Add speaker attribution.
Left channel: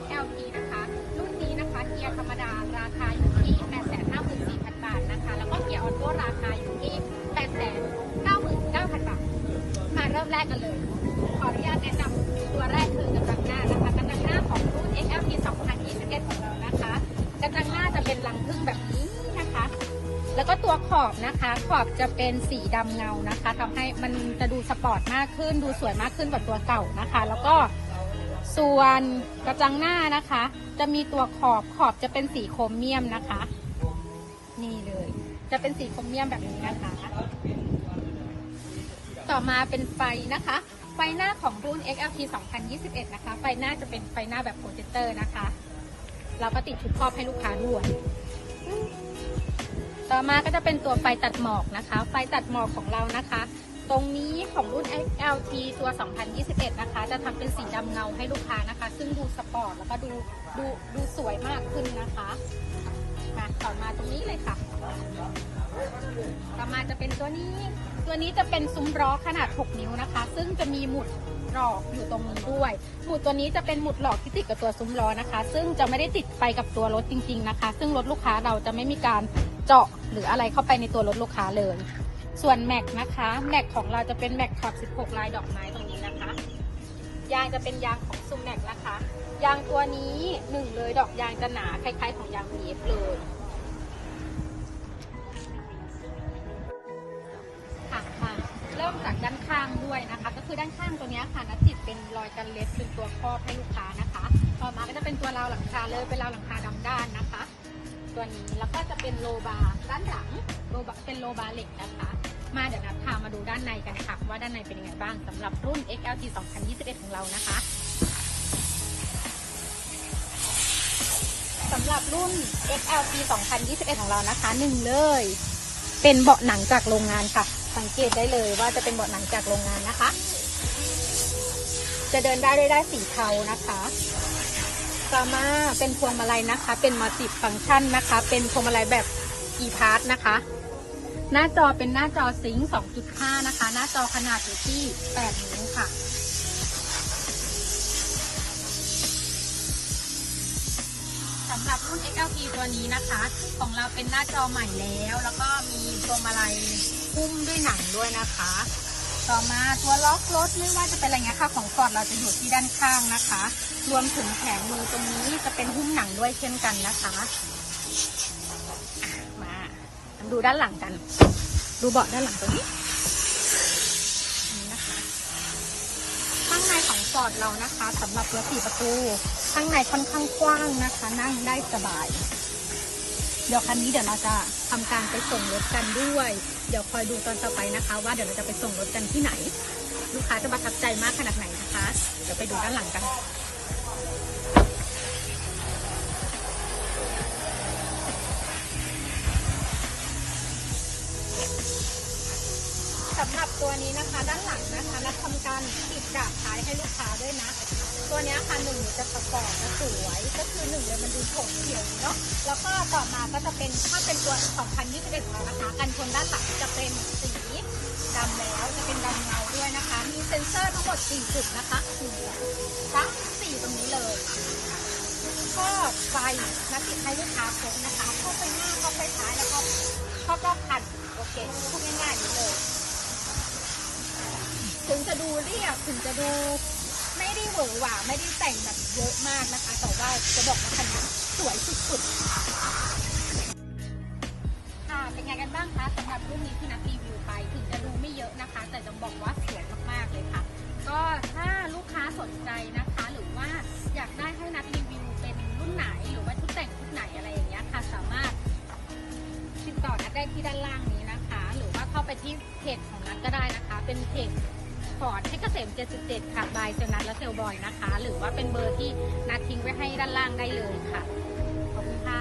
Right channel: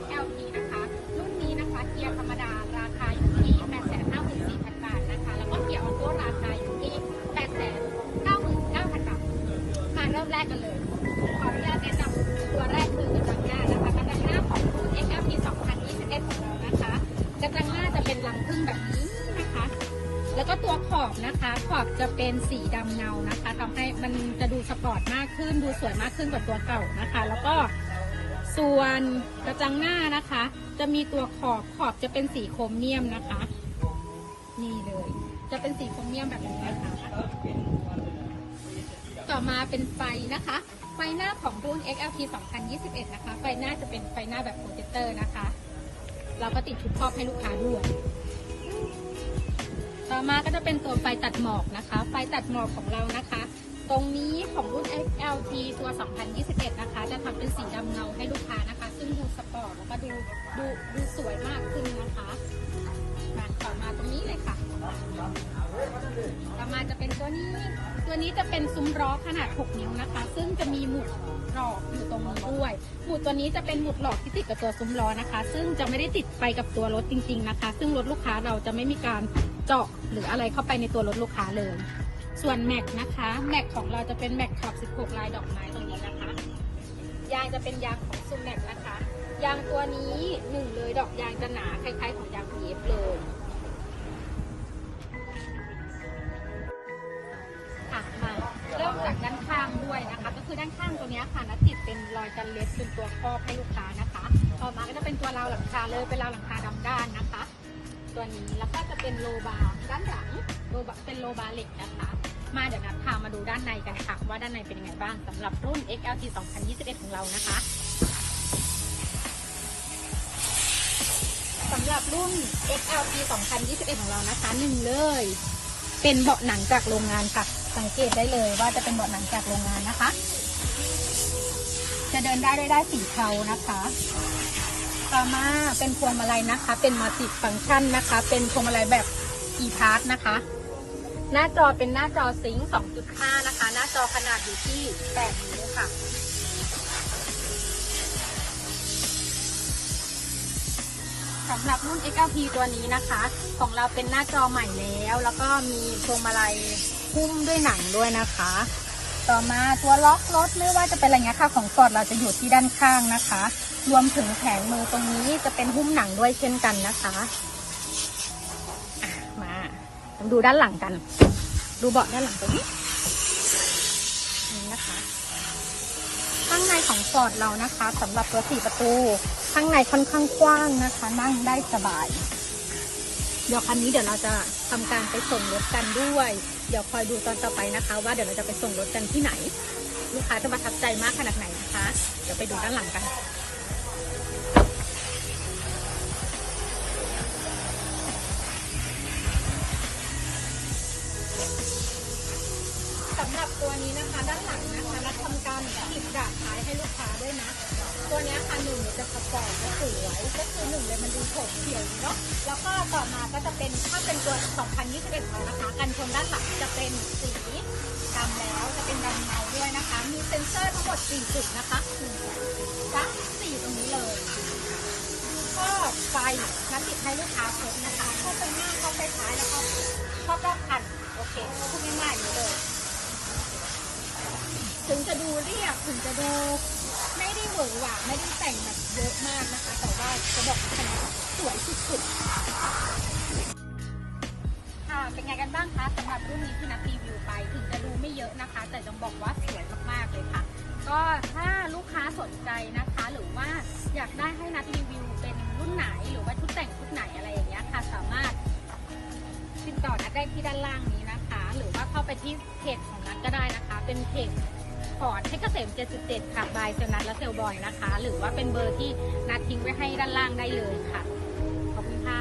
Speaker 1: XLT นะคะ รุ่นนี้นะคะเกียร์ธรรมดาราคาอยู่ที่ 854,000 บาทนะคะ แล้วก็เกียร์ออโต้ราคาอยู่ที่ 899,000 บาท มาเริ่มแรกกันเลย ขออนุญาตแนะนำตัวแรกคือกระจังหน้านะคะกระจังหน้าของรุ่น XLT 2021ของเรานะคะกระจังหน้าจะเป็นลังพึ่งแบบนี้นะคะ แล้วก็ตัวขอบนะคะ ขอบจะเป็นสีดำเงานะคะทำให้มันจะดูสปอร์ตมากขึ้น ดูสวยมากขึ้นกว่าตัวเก่านะคะ แล้วก็ ส่วนกระจังหน้านะคะ จะมีตัวขอบขอบจะเป็นสีโครเมียมนะคะ นี่เลย จะเป็นสีโครเมียมแบบนี้นะคะต่อมาเป็นไฟนะคะ ไฟหน้าของรุ่น XLT 2021 นะคะ ไฟหน้าจะเป็นไฟหน้าแบบโปรเจคเตอร์นะคะ เราก็ติดชุดครอบให้ลูกค้าด้วยต่อมาก็จะเป็นตัวไฟตัดหมอกนะคะ ไฟตัดหมอกของเรานะคะ ตรงนี้ของรุ่น XLT ตัว 2021 นะคะ จะทำเป็นสีดำเงาให้ลูกค้านะคะ ซึ่งดูสปอร์ตแล้วก็ดูดูดูสวยมากขึ้นนะคะมาต่อมาตรงนี้เลยค่ะต่อมาจะเป็นตัวนี้ ตัวนี้จะเป็นซุ้มล้อขนาด 6 นิ้วนะคะ ซึ่งจะมีหมุดหลอกอยู่ตรงนี้ด้วย หมุดตัวนี้จะเป็นหมุดหลอกที่ติดกับตัวซุ้มล้อนะคะ ซึ่งจะไม่ได้ติดไปกับตัวรถจริง ๆนะคะ ซึ่งรถลูกค้าเราจะไม่มีการเจาะหรืออะไรเข้าไปในตัวรถลูกค้าเลย ส่วนแม็กนะคะแม็กของเราจะเป็นแม็กขอบ 16 ลายดอกไม้ตรงนี้นะคะ ยางจะเป็นยางของซูแม็กนะคะ ยางตัวนี้หนึ่งเลยดอกยางจะหนาคล้ายๆของยาง BF เลยค่ะมาเริ่มจากด้านข้างด้วยนะคะ ก็คือด้านข้างตัวนี้ค่ะนัดติดเป็นรอยกันเล็บเป็นตัวครอบให้ลูกค้านะคะ ต่อมาก็จะเป็นตัวราวหลังคาเลยเป็นราวหลังคาดำด้านนะคะ ตัวนี้ แล้วก็จะเป็นโลบาร์ด้านหลังโลบาเป็นโลบาร์เหล็กนะคะ มาเดี๋ยวนัดพามาดูด้านในกันค่ะ ว่าด้านในเป็นยังไงบ้างสำหรับรุ่น XLT 2021 ของเรานะคะสำหรับรุ่น XLT 2021 ของเรานะคะหนึ่งเลย เป็นเบาะหนังจากโรงงานค่ะ สังเกตได้เลยว่าจะเป็นเบาะหนังจากโรงงานนะคะ จะเดินได้ด้วยได้สีเทานะคะ ต่อมาเป็นพวงมาลัยนะคะ เป็นมัลติฟังก์ชันนะคะ เป็นพวงมาลัยแบบ e p a s s นะคะ หน้าจอเป็นหน้าจอซิงค์2.5 นะคะ หน้าจอขนาดอยู่ที่ 8 นิ้วค่ะ สำหรับรุ่น XLT ตัวนี้นะคะ ของเราเป็นหน้าจอใหม่แล้ว แล้วก็มีพวงมาลัยหุ้มด้วยหนังด้วยนะคะ ต่อมาตัวล็อกรถไม่ว่าจะเป็นอะไรเงี้ยค่ะของฟอร์ดเราจะอยู่ที่ด้านข้างนะคะ รวมถึงแผงมือตรงนี้จะเป็นหุ้มหนังด้วยเช่นกันนะคะมาดูด้านหลังกัน ดูเบาะด้านหลังตรงนี้นะคะข้างในของฟอร์ดเรานะคะสำหรับตัวสี่ประตูข้างในค่อนข้างกว้างนะคะ นั่งได้สบาย เดี๋ยวคันนี้เดี๋ยวเราจะทำการไปส่งรถกันด้วย เดี๋ยวคอยดูตอนต่อไปนะคะ ว่าเดี๋ยวเราจะไปส่งรถกันที่ไหน ลูกค้าจะประทับใจมากขนาดไหนนะคะ เดี๋ยวไปดูด้านหลังกันสำหรับตัวนี้นะคะ ด้านหลังนะคะนัดทำการติดดาบท้ายให้ลูกค้าด้วยนะ ตัวนี้ค่ะหนึ่งจะประกอบจะสวยก็คือหนึ่งเลยมันดูโฉบเฉี่ยวเนาะแล้วก็ต่อมาก็จะเป็นถ้าเป็นตัว 2021แล้วนะคะ กันชนด้านหลังจะเป็นสีดำแล้วจะเป็นดำเงาด้วยนะคะ มีเซ็นเซอร์ทั้งหมด 4 จุดนะคะหนึ่งสองสามสี่ตรงนี้เลยข้อไฟนัดติดให้ลูกค้าครบนะคะเข้าไปหน้าเข้าไปท้ายแล้วก็ครอบรอบคันโอเคพูดง่ายๆอย่างนี้เลย ถึงจะดูเรียบถึงจะดู ไม่ได้หวือหวาไม่ได้แต่งแบบเยอะมากนะคะ แต่ว่าจะบอกว่าคันนี้สวยสุดๆ ค่ะ เป็นไงกันบ้างคะสำหรับรุ่นนี้ที่นัดรีวิวไป ถึงจะดูไม่เยอะนะคะ แต่ต้องบอกว่าสวยมากๆเลยค่ะ ก็ถ้าลูกค้าสนใจนะคะ หรือว่าอยากได้ให้นัดรีวิวเป็นรุ่นไหนหรือว่าชุดแต่งชุดไหนอะไรอย่างเงี้ยค่ะ สามารถติดต่อนัดได้ที่ด้านล่างนี้นะคะ หรือว่าเข้าไปที่เพจของนัดก็ได้นะคะ เป็นเพจ ปอร์ดให้เกษม 77 ค่ะบายเซลนัทและเซลบอยนะคะ หรือว่าเป็นเบอร์ที่นัดทิ้งไว้ให้ด้านล่างได้เลยค่ะ ขอบคุณค่ะ